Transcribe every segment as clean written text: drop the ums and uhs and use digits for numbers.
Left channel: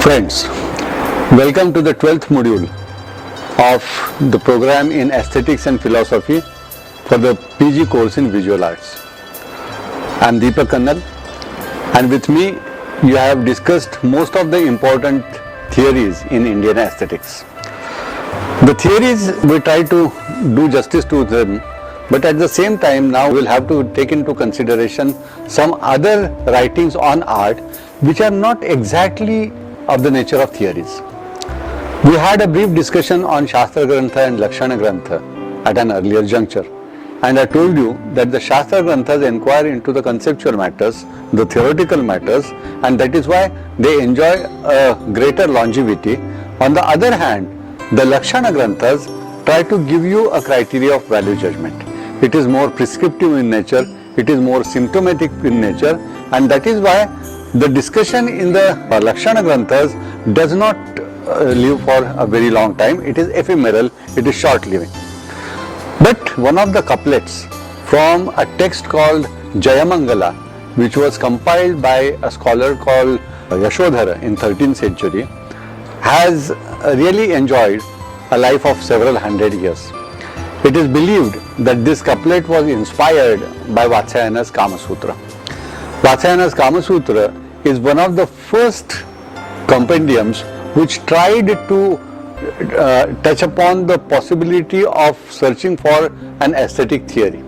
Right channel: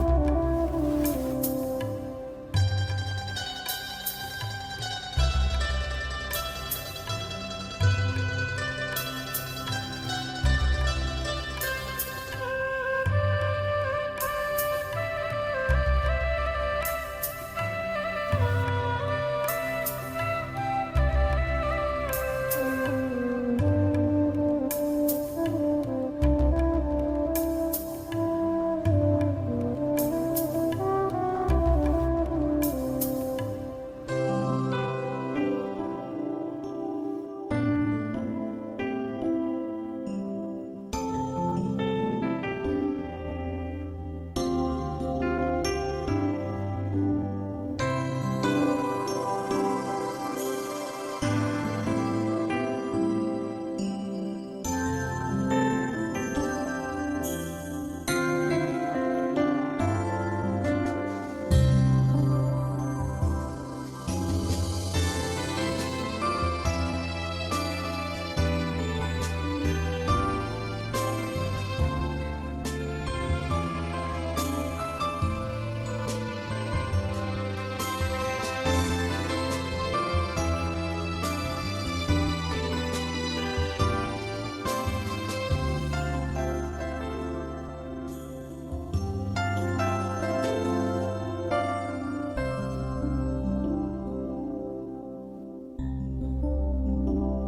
Friends, welcome to the 12th module of the program in Aesthetics and Philosophy for the PG course in Visual Arts. I am Deepak Kannal, and with me you have discussed most of the important theories in Indian aesthetics. The theories we try to do justice to them, but at the same time now we'll have to take into consideration some other writings on art which are not exactly of the nature of theories. We had a brief discussion on Shastra Grantha and Lakshana Grantha at an earlier juncture, and I told you that the Shastra Granthas inquire into the conceptual matters, the theoretical matters, and that is why they enjoy a greater longevity. On the other hand, the Lakshana Granthas try to give you a criteria of value judgment. It is more prescriptive in nature, it is more symptomatic in nature, and that is why the discussion in the Lakshana Granthas does not live for a very long time. It is ephemeral, it is short-living. But one of the couplets from a text called Jayamangala, which was compiled by a scholar called Yashodhara in 13th century, has really enjoyed a life of several hundred years. It is believed that this couplet was inspired by Vatsyayana's Kama Sutra. Vatsyayana's Kama Sutra is one of the first compendiums which tried to touch upon the possibility of searching for an aesthetic theory.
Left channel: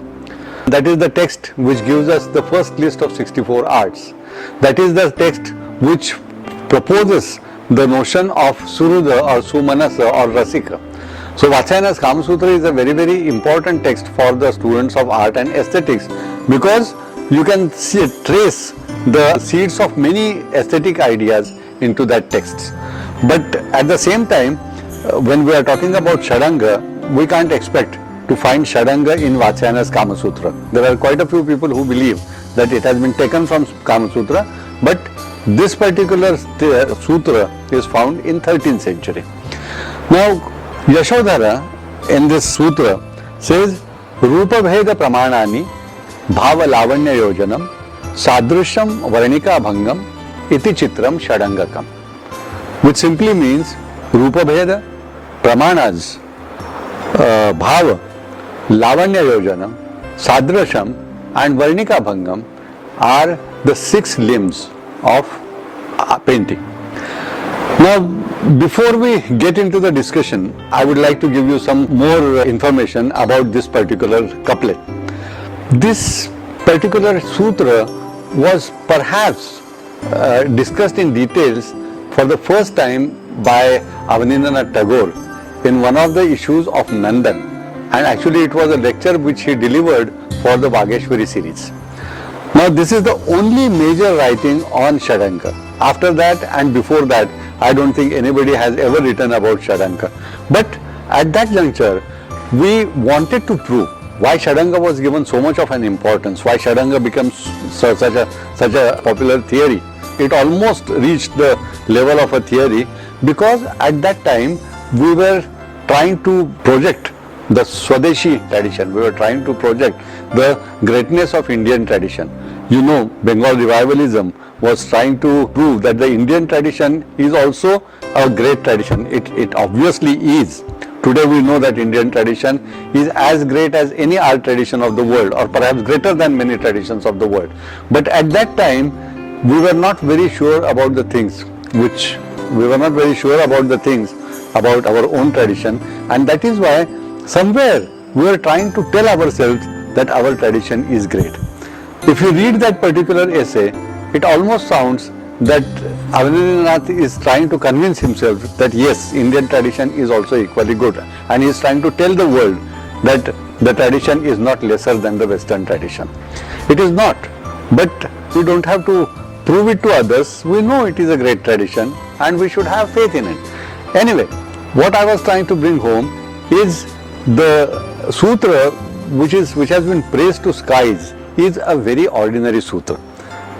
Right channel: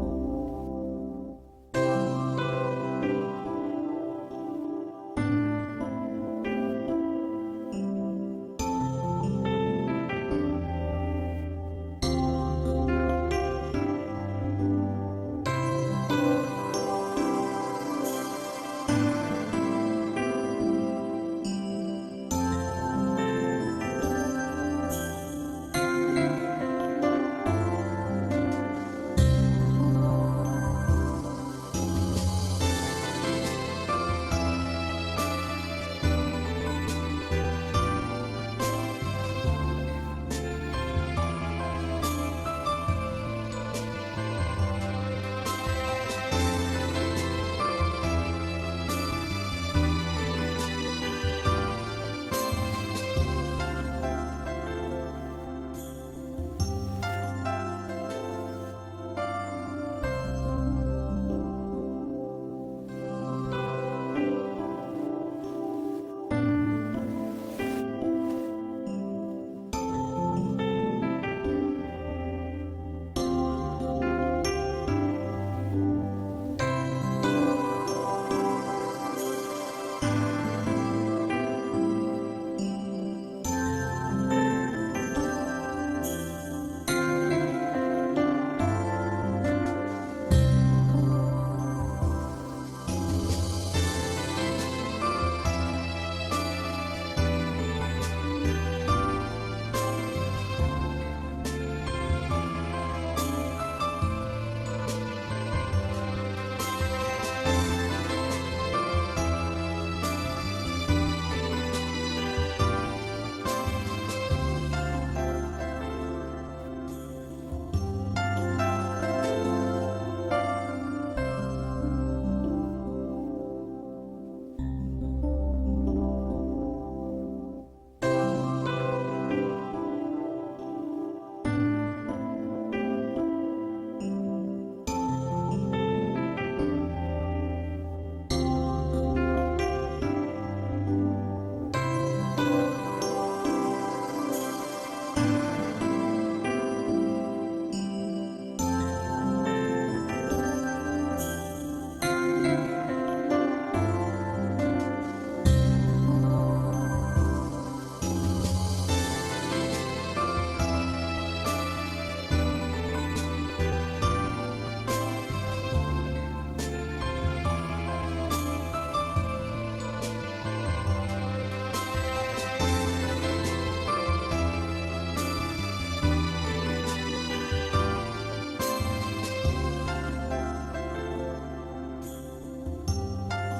That is the text which gives us the first list of 64 arts. That is the text which proposes the notion of Suruda or Sumanasa or Rasika. So Vatsyayana's Kama Sutra is a very, very important text for the students of art and aesthetics, because you can trace the seeds of many aesthetic ideas into that text. But at the same time, when we are talking about Shadanga, we can't expect to find Shadanga in Vatsyayana's Kama Sutra. There are quite a few people who believe that it has been taken from Kama Sutra, but this particular sutra is found in 13th century. Now, Yashodhara in this sutra says, Rupa Bheda Pramanani Bhava Lavanya Yojanam Sadrishyam Varnika Bhangam Iti Chitram Shadangakam, which simply means Rupa Bheda, Pramanas, Bhava, Lavanya Yojanam, Sadrasham and Varnika Bhangam are the 6 limbs of painting. Now, before we get into the discussion, I would like to give you some more information about this particular couplet. This particular sutra was perhaps discussed in details for the first time by Avanindranath Tagore in one of the issues of Nandan, and actually it was a lecture which he delivered for the Vageshwari series. Now this is the only major writing on Shadanga. After that and before that, I don't think anybody has ever written about Shadanga. But at that juncture, we wanted to prove why Shadanga was given so much of an importance, why Shadanga becomes such a popular theory. It almost reached the level of a theory because at that time we were trying to project the Swadeshi tradition. We were trying to project the greatness of Indian tradition. You know, Bengal revivalism was trying to prove that the Indian tradition is also a great tradition. It obviously is. Today we know that Indian tradition is as great as any art tradition of the world, or perhaps greater than many traditions of the world. But at that time, we were not very sure about the things about our own tradition, and that is why somewhere we were trying to tell ourselves that our tradition is great. If you read that particular essay, it almost sounds that Avanindranath is trying to convince himself that yes, Indian tradition is also equally good, and he is trying to tell the world that the tradition is not lesser than the Western tradition. It is not, but we don't have to prove it to others. We know it is a great tradition and we should have faith in it. Anyway, what I was trying to bring home is the sutra which has been praised to skies is a very ordinary sutra.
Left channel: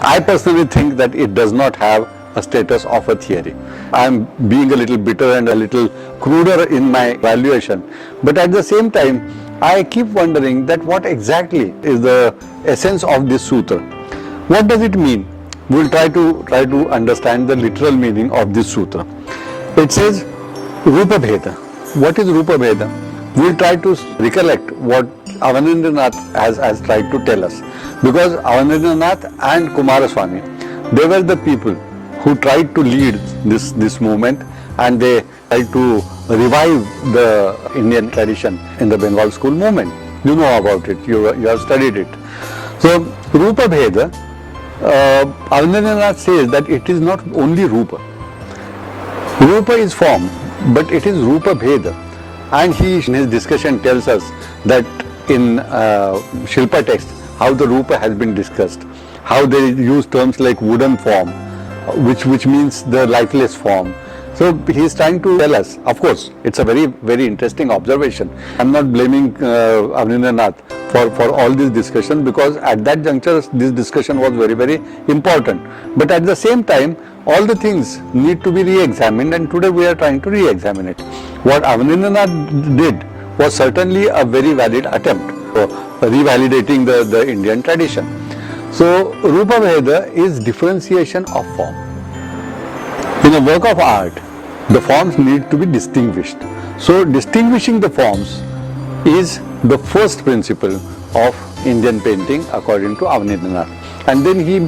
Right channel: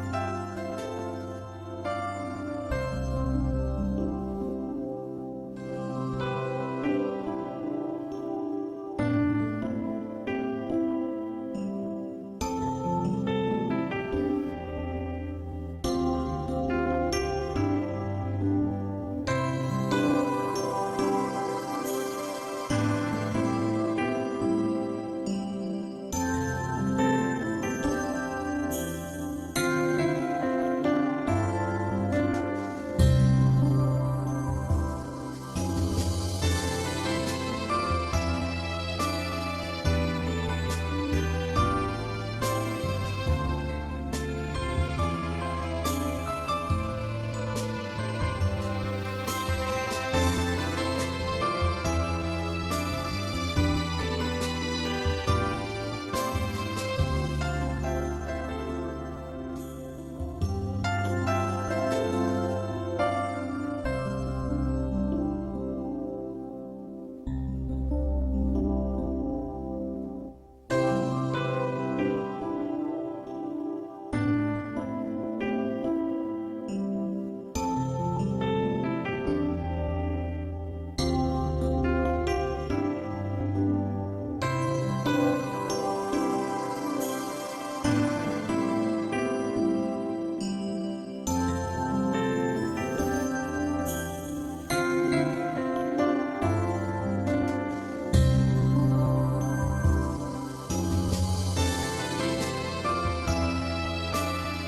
I personally think that it does not have a status of a theory. I am being a little bitter and a little cruder in my valuation, but at the same time I keep wondering that what exactly is the essence of this sutra. What does it mean? we'll try to understand the literal meaning of this sutra. It says Rupa Bheda. What is Rupa Bheda? We'll try to recollect what Avanindranath has tried to tell us. Because Avanindranath and Kumaraswamy, they were the people who tried to lead this movement, and they tried to revive the Indian tradition in the Bengal school movement. You know about it, you have studied it. So Rupa Bheda, Avanindranath says that it is not only Rupa. Rupa is form, but it is Rupa Bheda. And he in his discussion tells us that in Shilpa text, how the Rupa has been discussed, how they use terms like wooden form, which means the lifeless form. So he is trying to tell us, of course, it's a very, very interesting observation. I'm not blaming Avanindranath for all this discussion, because at that juncture, this discussion was very, very important. But at the same time, all the things need to be re-examined, and today we are trying to re-examine it. What Avanindranath did was certainly a very valid attempt for revalidating the Indian tradition. So Rupa Bheda is differentiation of form. In a work of art, the forms need to be distinguished. So distinguishing the forms is the first principle of Indian painting according to Avanindranath. And then he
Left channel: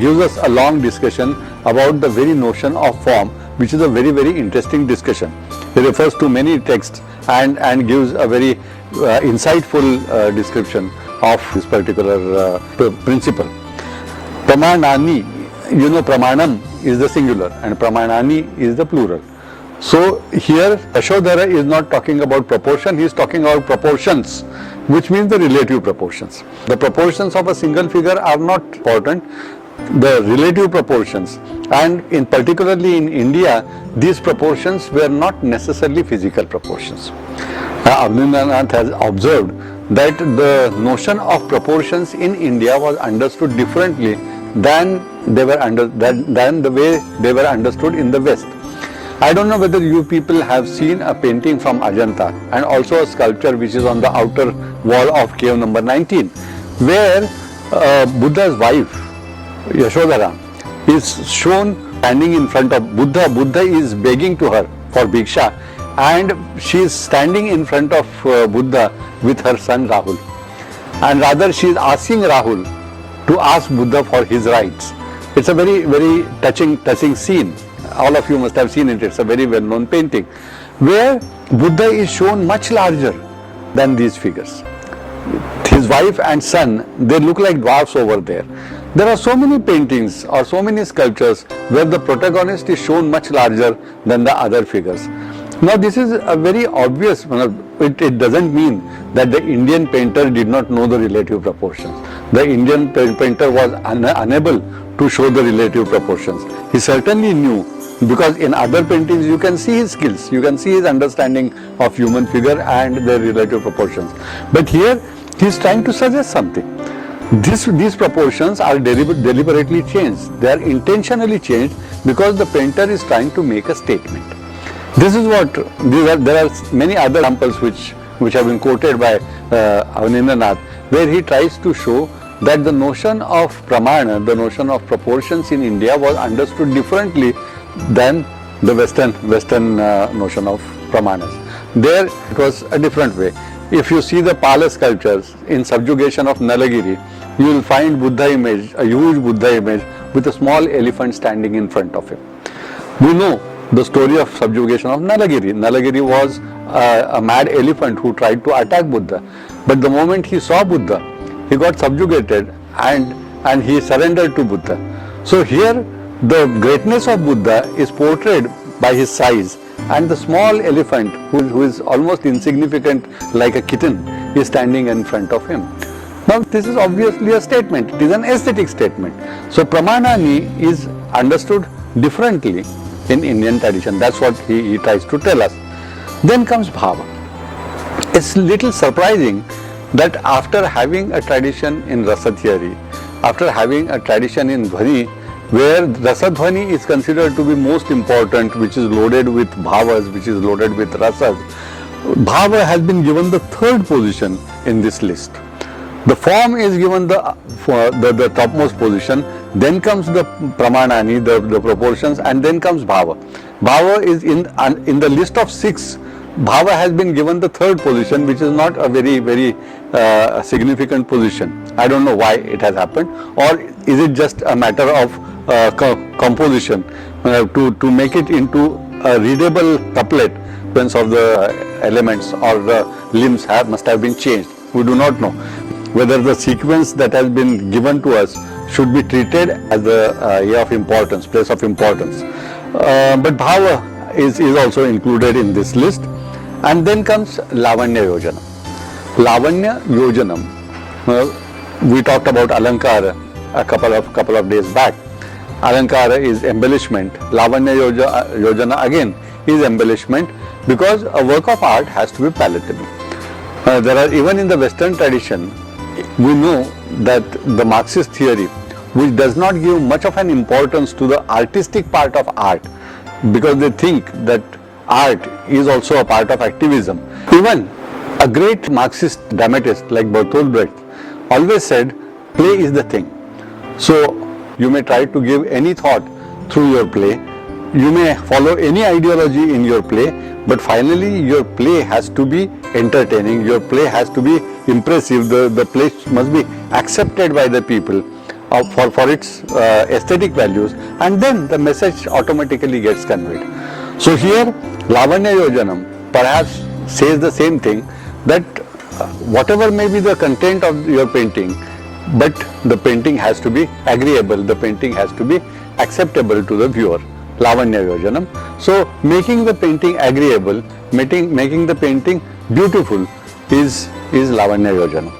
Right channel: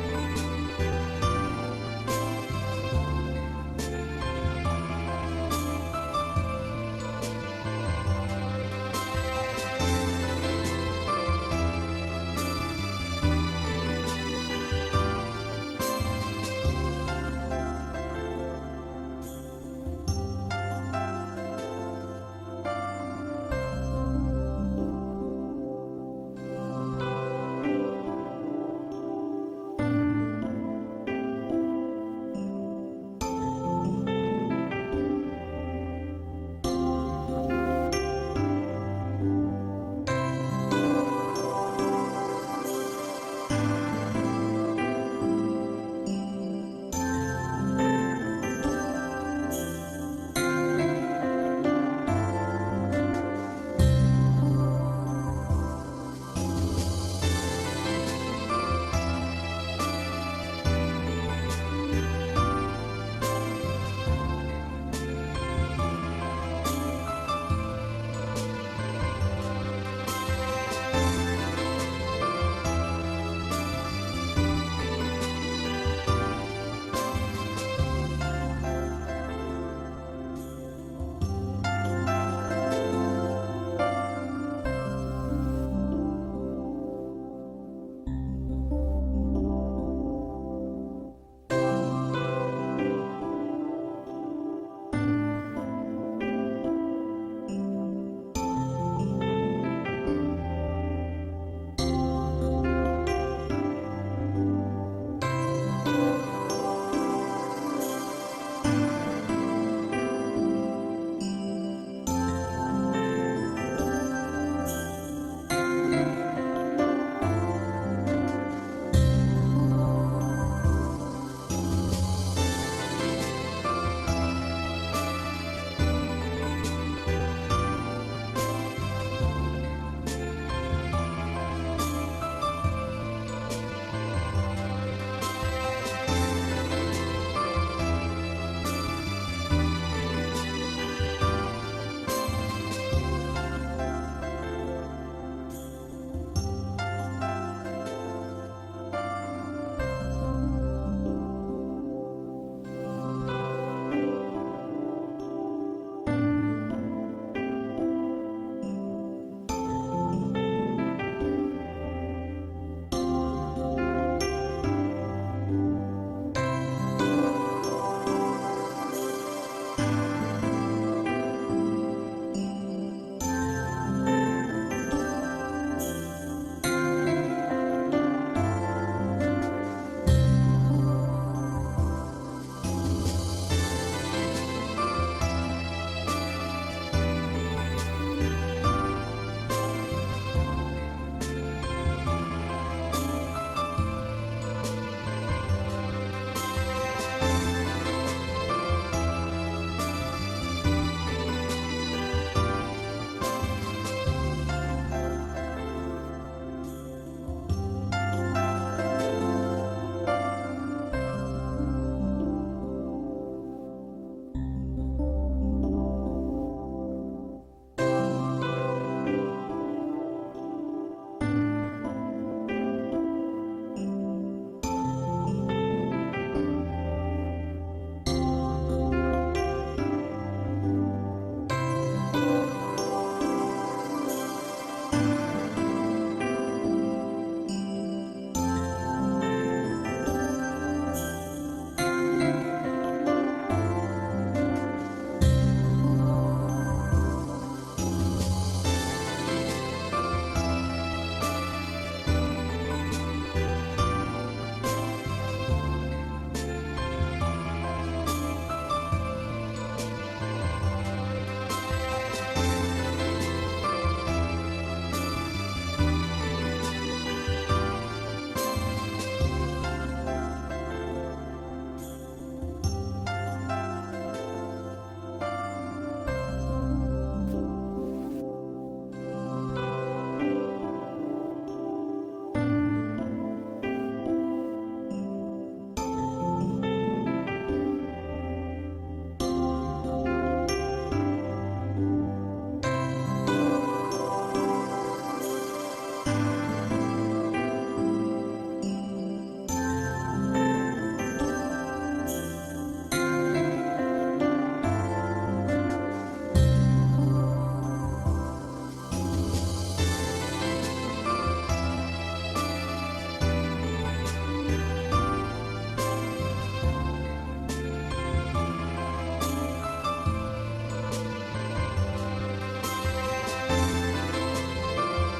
gives us a long discussion about the very notion of form, which is a very, very interesting discussion. He refers to many texts and gives a very insightful description of this particular principle. Pramanani, you know, pramanam is the singular and pramanani is the plural. So here Yashodhara is not talking about proportion, he is talking about proportions, which means the relative proportions. The proportions of a single figure are not important, the relative proportions, and in particularly in India, these proportions were not necessarily physical proportions. Avanindranath has observed that the notion of proportions in India was understood differently than the way they were understood in the West. I don't know whether you people have seen a painting from Ajanta and also a sculpture which is on the outer wall of cave number 19, where Buddha's wife, Yashodhara, is shown standing in front of Buddha. Buddha is begging to her for bhiksha, and she is standing in front of Buddha with her son Rahul. And rather she is asking Rahul to ask Buddha for his rights. It's a very, very touching scene. All of you must have seen it. It's a very well-known painting, where Buddha is shown much larger than these figures. His wife and son, they look like dwarfs over there. There are so many paintings or so many sculptures where the protagonist is shown much larger than the other figures. Now this is a very obvious, it doesn't mean that the Indian painter did not know the relative proportions. The Indian painter was unable to show the relative proportions. He certainly knew, because in other paintings you can see his skills, you can see his understanding of human figure and their relative proportions. But here he is trying to suggest something. These proportions are deliberately changed. They are intentionally changed because the painter is trying to make a statement. This is what, there are many other examples which have been quoted by Avanindranath, where he tries to show that the notion of pramana, the notion of proportions in India was understood differently than the Western notion of pramanas. There it was a different way. If you see the Pala sculptures in subjugation of Nalagiri, you will find Buddha image, a huge Buddha image with a small elephant standing in front of him. We know the story of subjugation of Nalagiri. Nalagiri was a mad elephant who tried to attack Buddha. But the moment he saw Buddha, he got subjugated and he surrendered to Buddha. So here the greatness of Buddha is portrayed by his size, and the small elephant who is almost insignificant like a kitten is standing in front of him. Now this is obviously a statement, it is an aesthetic statement. So pramanani is understood differently in Indian tradition. That's what he tries to tell us. Then comes bhava. It's little surprising that after having a tradition in rasa theory, after having a tradition in dhvani, where rasa dhvani is considered to be most important, which is loaded with bhavas, which is loaded with rasas, bhava has been given the third position in this list. The form is given the topmost position, then comes the pramanani, the proportions, and then comes bhava. Bhava is in the list of 6. Bhava has been given the 3rd position, which is not a very significant position. I don't know why it has happened, or is it just a matter of composition to make it into a readable couplet? Sequence of the elements or the limbs must have been changed. We do not know whether the sequence that has been given to us should be treated as the of importance, place of importance. But bhava is also included in this list. And then comes Lavanya Yojanam. Lavanya Yojanam. We talked about Alankara a couple of days back. Alankara is embellishment. Lavanya Yojana again is embellishment, because a work of art has to be palatable. There are, even in the Western tradition, we know that the Marxist theory, which does not give much of an importance to the artistic part of art, because they think that art is also a part of activism. Even a great Marxist dramatist like Bertolt Brecht always said, play is the thing. So you may try to give any thought through your play, you may follow any ideology in your play, but finally your play has to be entertaining, your play has to be impressive, the play must be accepted by the people for its aesthetic values, and then the message automatically gets conveyed. So here Lavanya Yojanam perhaps says the same thing, that whatever may be the content of your painting, but the painting has to be agreeable, the painting has to be acceptable to the viewer. Lavanya Yojanam. So making the painting agreeable, making the painting beautiful is Lavanya Yojanam.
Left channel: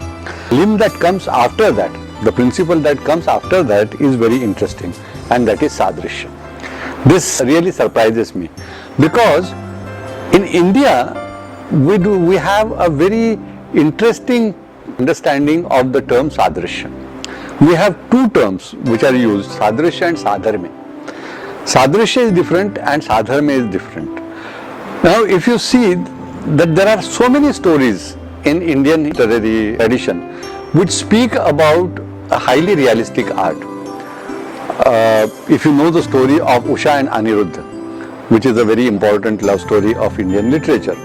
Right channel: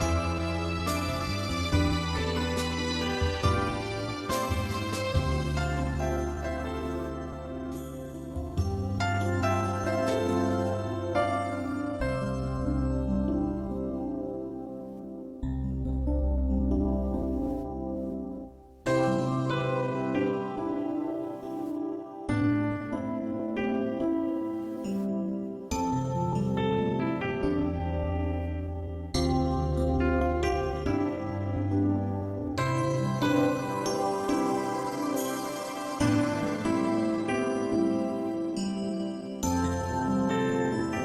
Limb that comes after that, the principle that comes after that is very interesting, and that is Sadrishya. This really surprises me, because in India we have a very interesting understanding of the term Sadrishya. We have 2 terms which are used, Sadrishya and Sadharme. Sadrishya is different and Sadharma is different. Now if you see that there are so many stories in Indian literary tradition which speak about a highly realistic art. If you know the story of Usha and Aniruddha, which is a very important love story of Indian literature.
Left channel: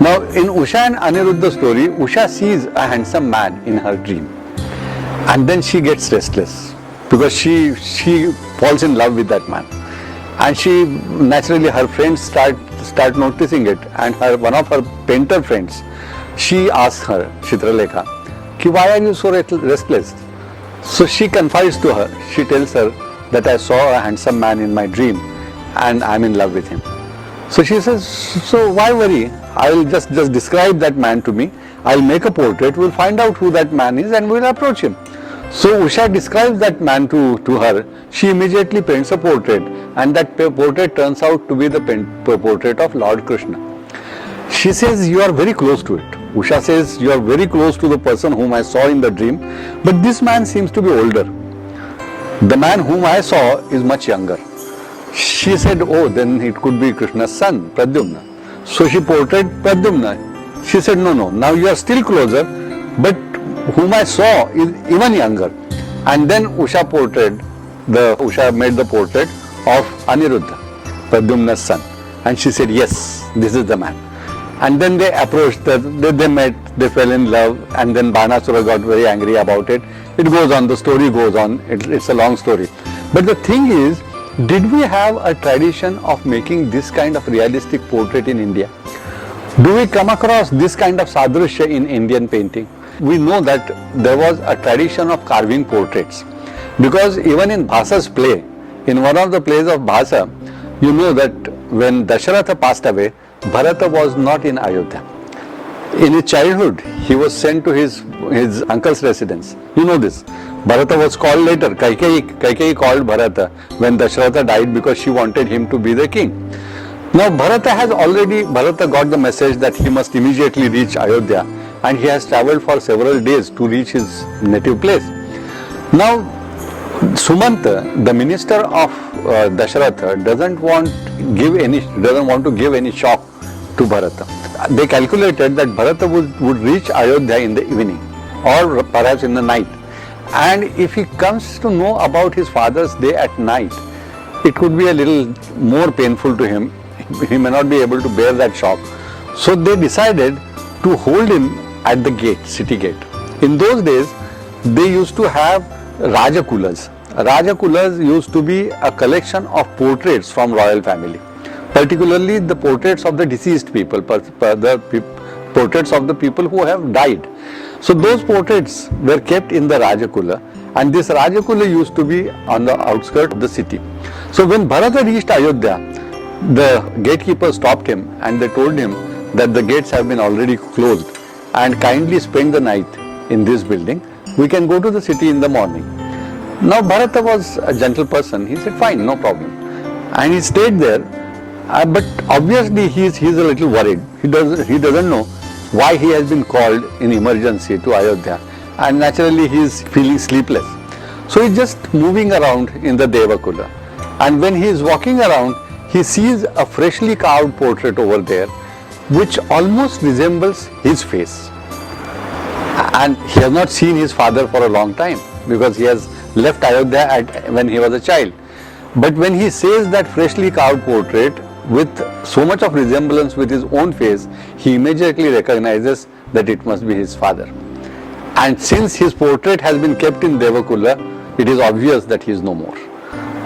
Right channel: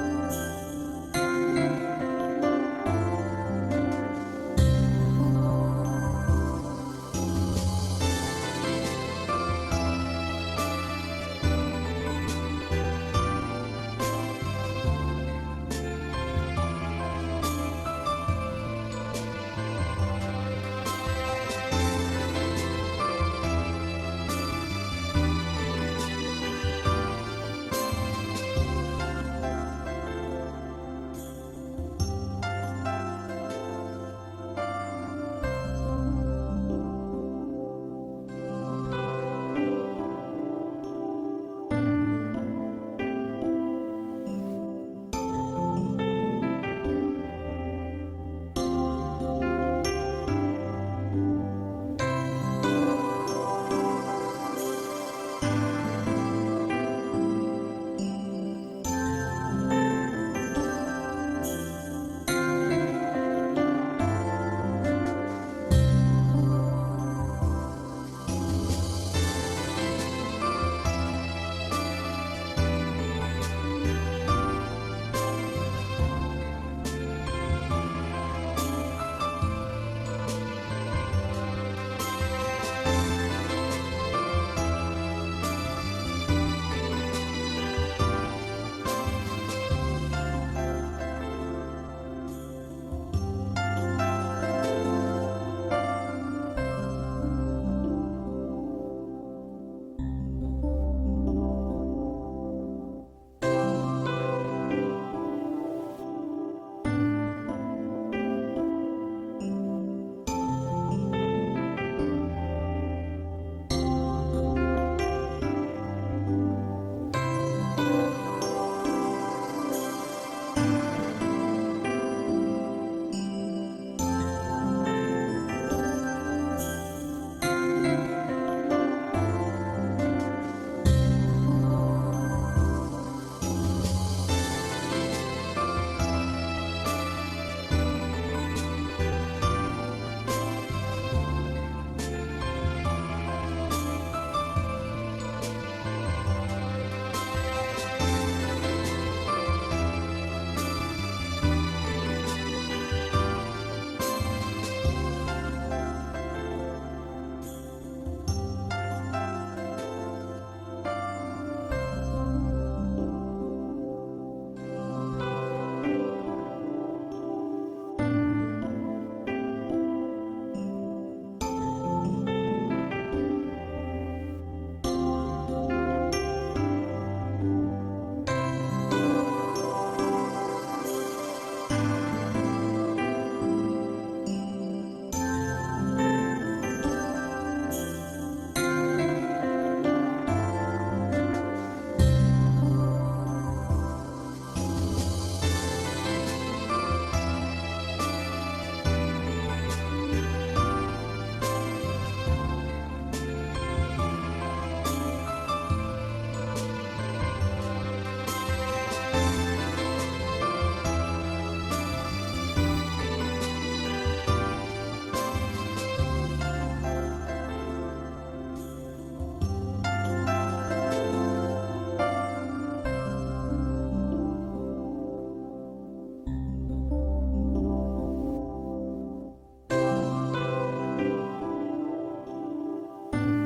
Now in Usha and Aniruddha story, Usha sees a handsome man in her dream, and then she gets restless because she falls in love with that man. And she, naturally, her friends start noticing it, and one of her painter friends, she asks her, Chitralekha, why are you so restless? So she confides to her, she tells her that I saw a handsome man in my dream and I'm in love with him. So she says, so why worry? I'll just describe that man to me, I'll make a portrait, we'll find out who that man is and we'll approach him. So Usha describes that man to her. She immediately paints a portrait, and that portrait turns out to be the portrait of Lord Krishna. She says, you are very close to it. Usha says, you are very close to the person whom I saw in the dream, but this man seems to be older. The man whom I saw is much younger. She said, oh, then it could be Krishna's son, Pradyumna. So she portrayed Pradyumna. She said, no, now you are still closer, but whom I saw is even younger. And then Usha made the portrait of Aniruddha, Pradyumna's son. And she said, yes, this is the man. And then they approached, they met, they fell in love, and then Banasura got very angry about it. It goes on, the story goes on, it's a long story. But the thing is, did we have a tradition of making this kind of realistic portrait in India? Do we come across this kind of sadrishya in Indian painting? We know that there was a tradition of carving portraits, because even in Bhasa's play, in one of the plays of Bhasa, you know that when Dasharatha passed away, Bharata was not in Ayodhya. In his childhood, he was sent to his uncle's residence. You know this. Bharata was called later. Kaikeyi called Bharata when Dasharatha died because she wanted him to be the king. Now Bharata got the message that he must immediately reach Ayodhya, and he has travelled for several days to reach his native place. Now Sumanta, the minister of Dasharatha, doesn't want to give any shock to Bharata. They calculated that Bharata would reach Ayodhya in the evening or perhaps in the night, And if he comes to know about his father's day at night, it could be a little more painful to him. He may not be able to bear that shock. So they decided to hold him at the gate, city gate. In those days, they used to have Rajakulas. Rajakulas used to be a collection of portraits from royal family, particularly the portraits of the deceased people, portraits of the people who have died. So those portraits were kept in the Rajakula, and this Rajakula used to be on the outskirts of the city. So when Bharata reached Ayodhya, the gatekeeper stopped him and they told him that the gates have been already closed and kindly spend the night in this building. We can go to the city in the morning. Now Bharata was a gentle person. He said, fine, no problem. And he stayed there. But obviously he's a little worried. He doesn't know why he has been called in emergency to Ayodhya. And naturally he is feeling sleepless. So he's just moving around in the Devakula. And when he is walking around, he sees a freshly carved portrait over there, which almost resembles his face. And he has not seen his father for a long time because he has left Ayodhya when he was a child. But when he sees that freshly carved portrait with so much of resemblance with his own face, he immediately recognizes that it must be his father. And since his portrait has been kept in Devakula, it is obvious that he is no more.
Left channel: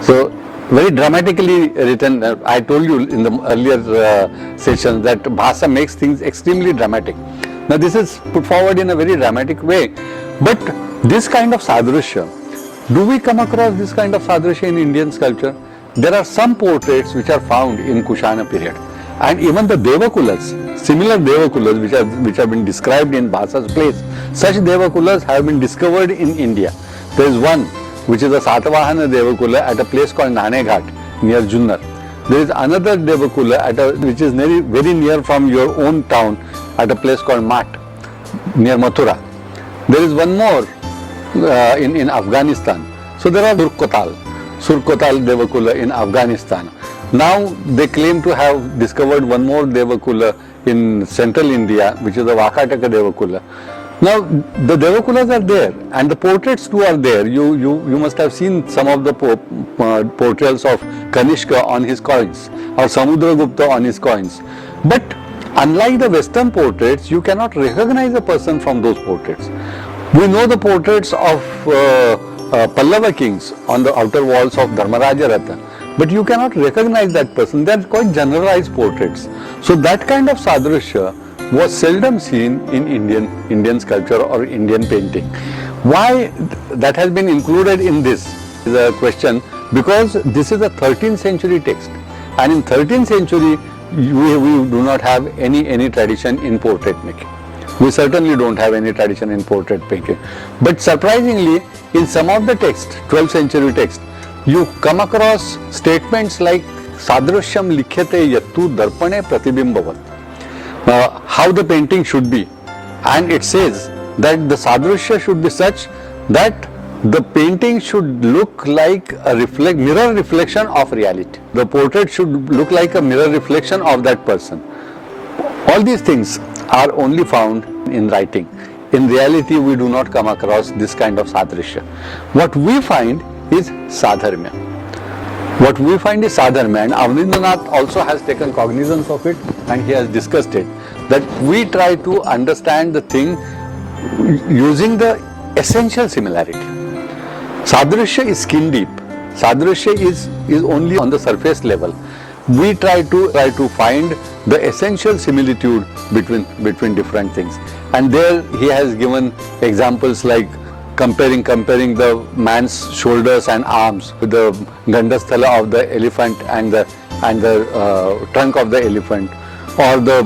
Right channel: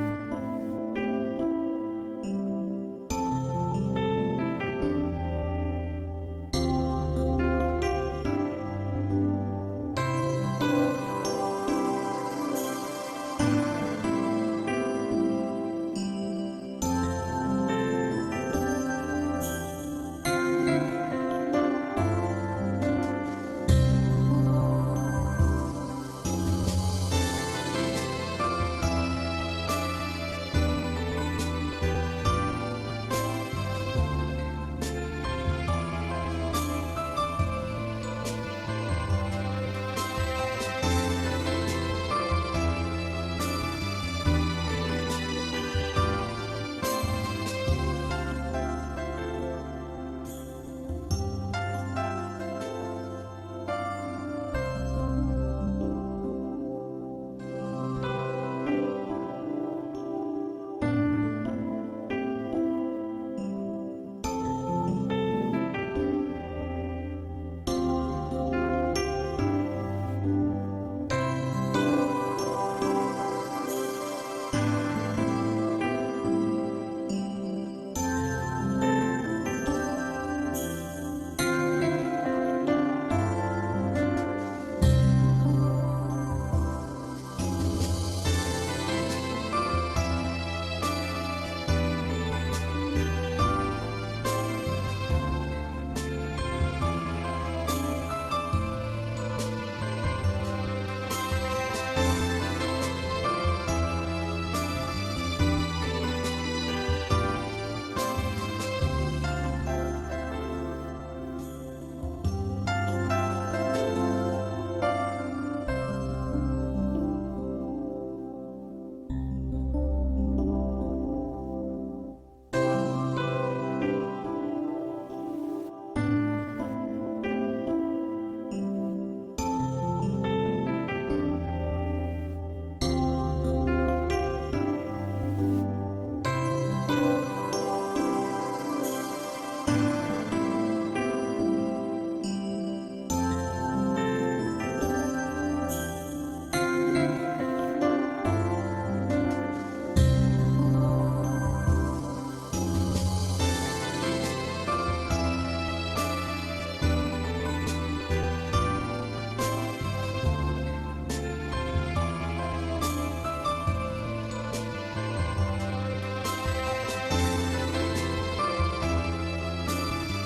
So, very dramatically written. I told you in the earlier session that Bhasa makes things extremely dramatic. Now this is put forward in a very dramatic way. But this kind of sadrishya, do we come across this kind of sadrishya in Indian sculpture? There are some portraits which are found in Kushana period. And even the Devakulas, similar Devakulas which have been described in Bhasa's place, such Devakulas have been discovered in India. There is one which is a Satavahana Devakula at a place called Naneghat near Junnar. There is another Devakula which is very near from your own town at a place called Mat near Mathura. There is one more in Afghanistan. So there are Surkotal Devakula in Afghanistan. Now they claim to have discovered one more Devakula in central India, which is the Vakataka Devakula. Now the Devakulas are there and the portraits too are there. You must have seen some of the portraits of Kanishka on his coins or Samudragupta on his coins. But unlike the Western portraits, you cannot recognize a person from those portraits. We know the portraits of Pallava kings on the outer walls of Dharmaraja Ratha, but you cannot recognize that person. They are quite generalized portraits. So that kind of sadrishya was seldom seen in Indian sculpture or Indian painting. Why that has been included in this is a question, because this is a 13th century text, and in 13th century we do not have any tradition in portrait making. We certainly don't have any tradition in portrait making. But surprisingly, in some of the texts, 12th century texts, you come across statements like Sadrishyam likhyate yattu darpane pratibimbavat. How the painting should be. And it says that the sadrishya should be such that the painting should look like a mirror reflection of reality. The portrait should look like a mirror reflection of that person. All these things are only found in writing. In reality, we do not come across this kind of sadrishya. What we find is sadharmya. What we find is sadharmya, and Avnindranath also has taken cognizance of it and he has discussed it, that we try to understand the thing using the essential similarity. Sadrishya is skin deep. Sadrishya is only on the surface level. We try to find the essential similitude between different things. And there he has given examples like comparing the man's shoulders and arms with the Gandhasthala of the elephant and the trunk of the elephant, or the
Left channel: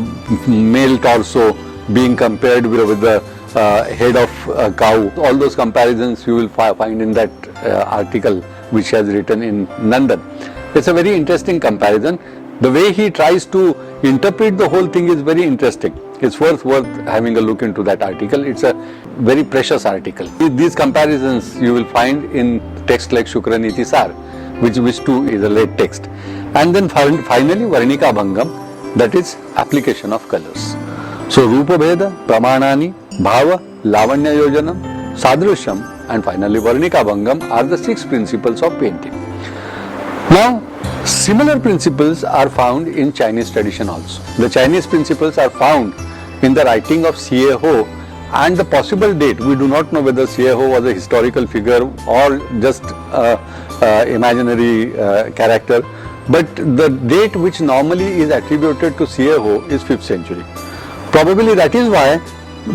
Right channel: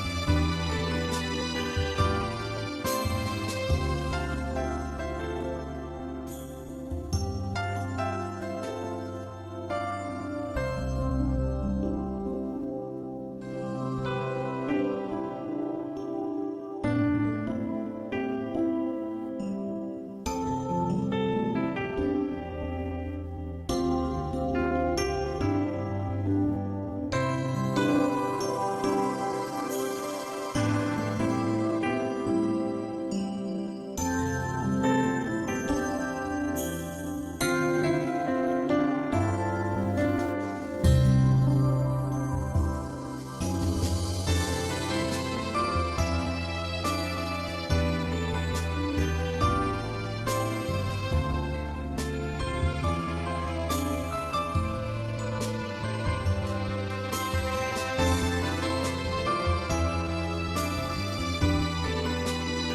male torso being compared with the head of a cow. All those comparisons you will find in that article which he has written in Nandan. It's a very interesting comparison. The way he tries to interpret the whole thing is very interesting. It's worth having a look into that article. It's a very precious article. These comparisons you will find in text like Shukraniti Sar, which too is a late text. And then finally Varnika Bhangam, that is application of colors. So Rupa Bheda, Pramanani, Bhava, Lavanya Yojanam, Sadrishyam and finally Varnika Bhangam are the 6 principles of painting. Now, similar principles are found in Chinese tradition also. The Chinese principles are found in the writing of Xie Ho, and the possible date, we do not know whether Xie Ho was a historical figure or just imaginary character, but the date which normally is attributed to Xie Ho is 5th century. Probably that is why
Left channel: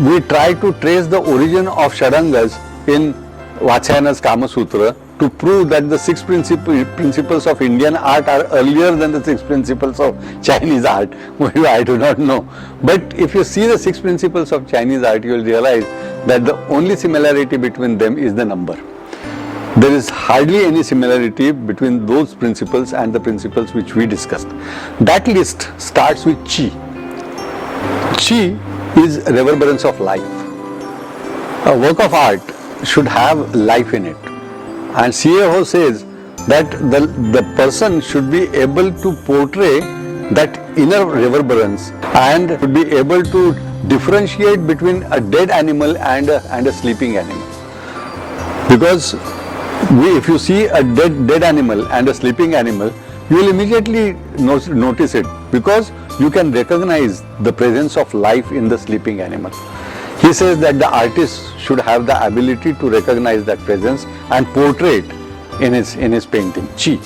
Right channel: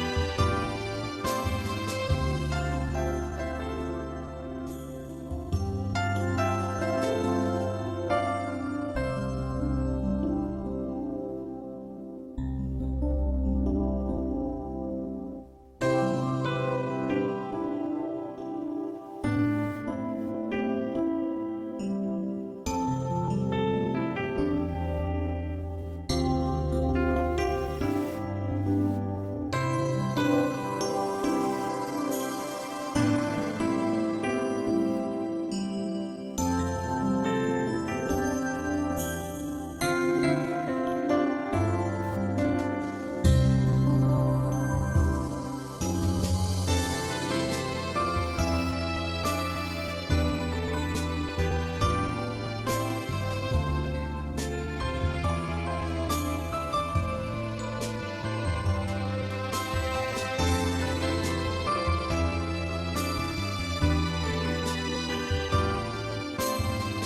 we try to trace the origin of Shadangas in Vatsyayana's Kama Sutra to prove that the 6 principles of Indian art are earlier than the 6 principles of Chinese art. I do not know. But if you see the 6 principles of Chinese art, you will realize that the only similarity between them is the number. There is hardly any similarity between those principles and the principles which we discussed. That list starts with Qi. Qi is reverberance of life. A work of art should have life in it. And Xie Ho says that the person should be able to portray that inner reverberance and should be able to differentiate between a dead animal and a sleeping animal. Because if you see a dead animal and a sleeping animal, you will immediately notice it, because you can recognize the presence of life in the sleeping animal. He says that the artist should have the ability to recognize that presence and portray it in his painting, Qi.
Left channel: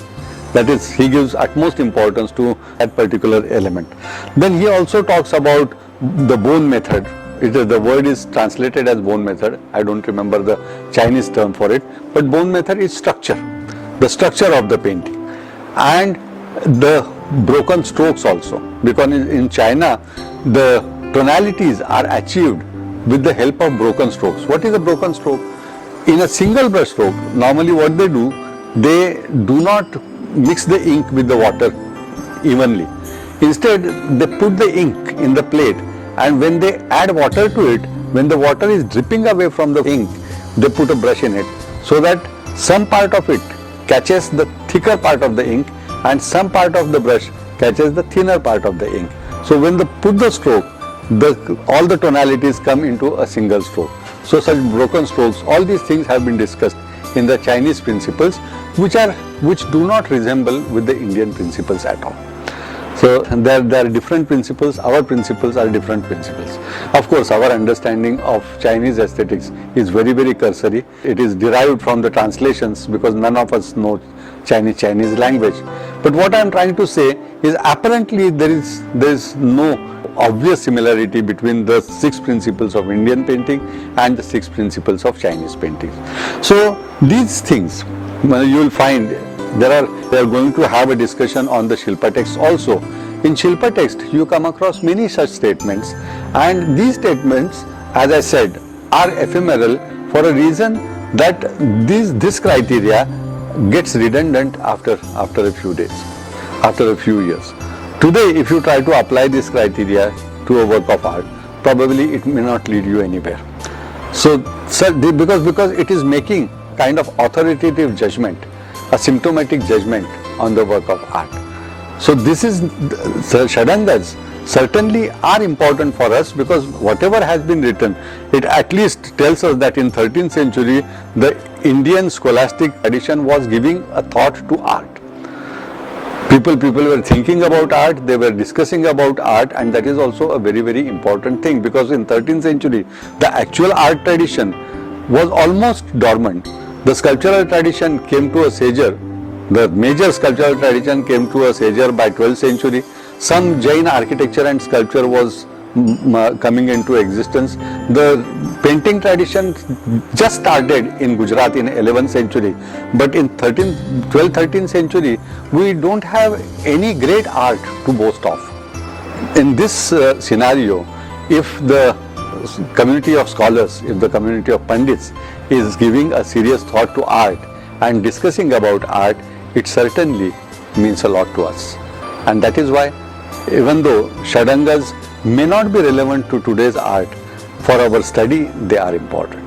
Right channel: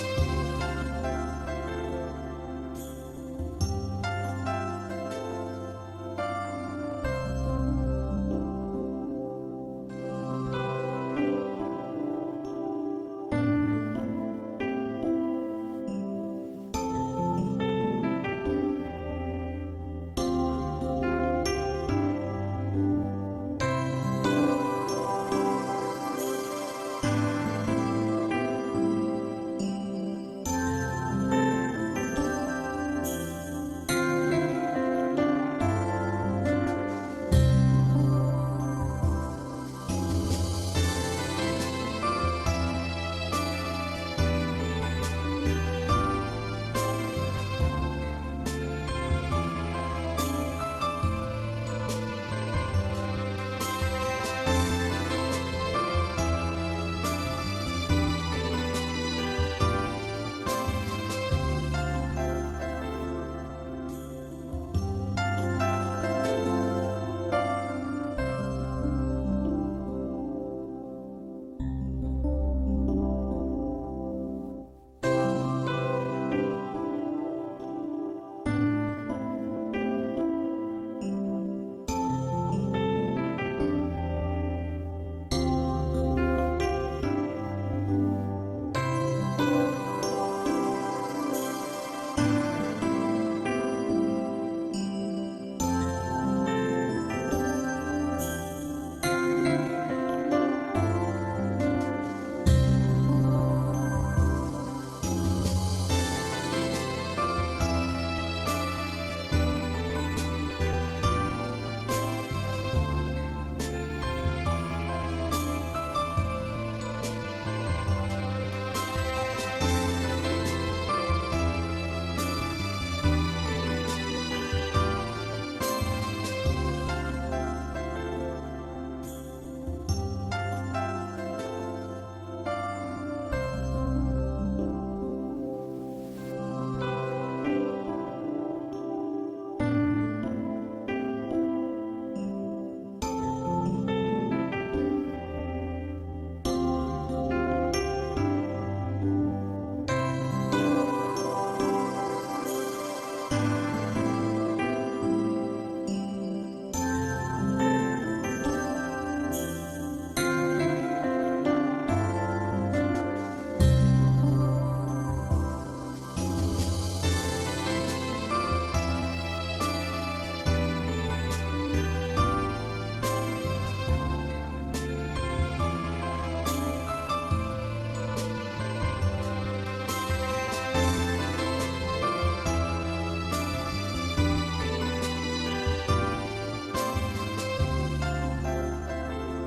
That is, he gives utmost importance to that particular element. Then he also talks about the bone method. The word is translated as bone method. I don't remember the Chinese term for it, but bone method is structure, the structure of the painting, and the broken strokes also, because in China the tonalities are achieved with the help of broken strokes. What is a broken stroke? In a single brush stroke, normally what they do not mix the ink with the water evenly. Instead, they put the ink in the plate, and when they add water to it, when the water is dripping away from the ink, they put a brush in it, so that some part of it catches the thicker part of the ink and some part of the brush catches the thinner part of the ink. So when they put the stroke, all the tonalities come into a single stroke. So such broken strokes, all these things have been discussed in the Chinese principles, which do not resemble with the Indian principles at all. So there are different principles. Our principles are different principles. Of course, our understanding of Chinese aesthetics is very, very cursory. It is derived from the translations, because none of us know Chinese language. But what I am trying to say is, apparently there is no obvious similarity between the 6 principles of Indian painting and the 6 principles of Chinese painting. So these things you will find they are going to have a discussion on the Shilpa text also. In Shilpa text you come across many such statements, and these statements, as I said, are ephemeral for a reason that this criteria gets redundant after a few days, after a few years. Today, if you try to apply this criteria to a work of art, probably it may not lead you anywhere. So because it is making kind of authoritative judgment, a symptomatic judgment on the work of art. So this is, Shadangas certainly are important for us, because whatever has been written, it at least tells us that in 13th century, the Indian scholastic tradition was giving a thought to art. People were thinking about art, they were discussing about art, and that is also a very, very important thing, because in 13th century, the actual art tradition was almost dormant. The sculptural tradition came to a seizure. The major sculptural tradition came to a seizure by 12th century. Some Jain architecture and sculpture was coming into existence. The painting tradition just started in Gujarat in 11th century, but in 12th, 13th century, we don't have any great art to boast of. In this scenario, if the community of scholars, if the community of pandits is giving a serious thought to art and discussing about art, it certainly means a lot to us. And that is why, even though Shadangas may not be relevant to today's art, for our study they are important.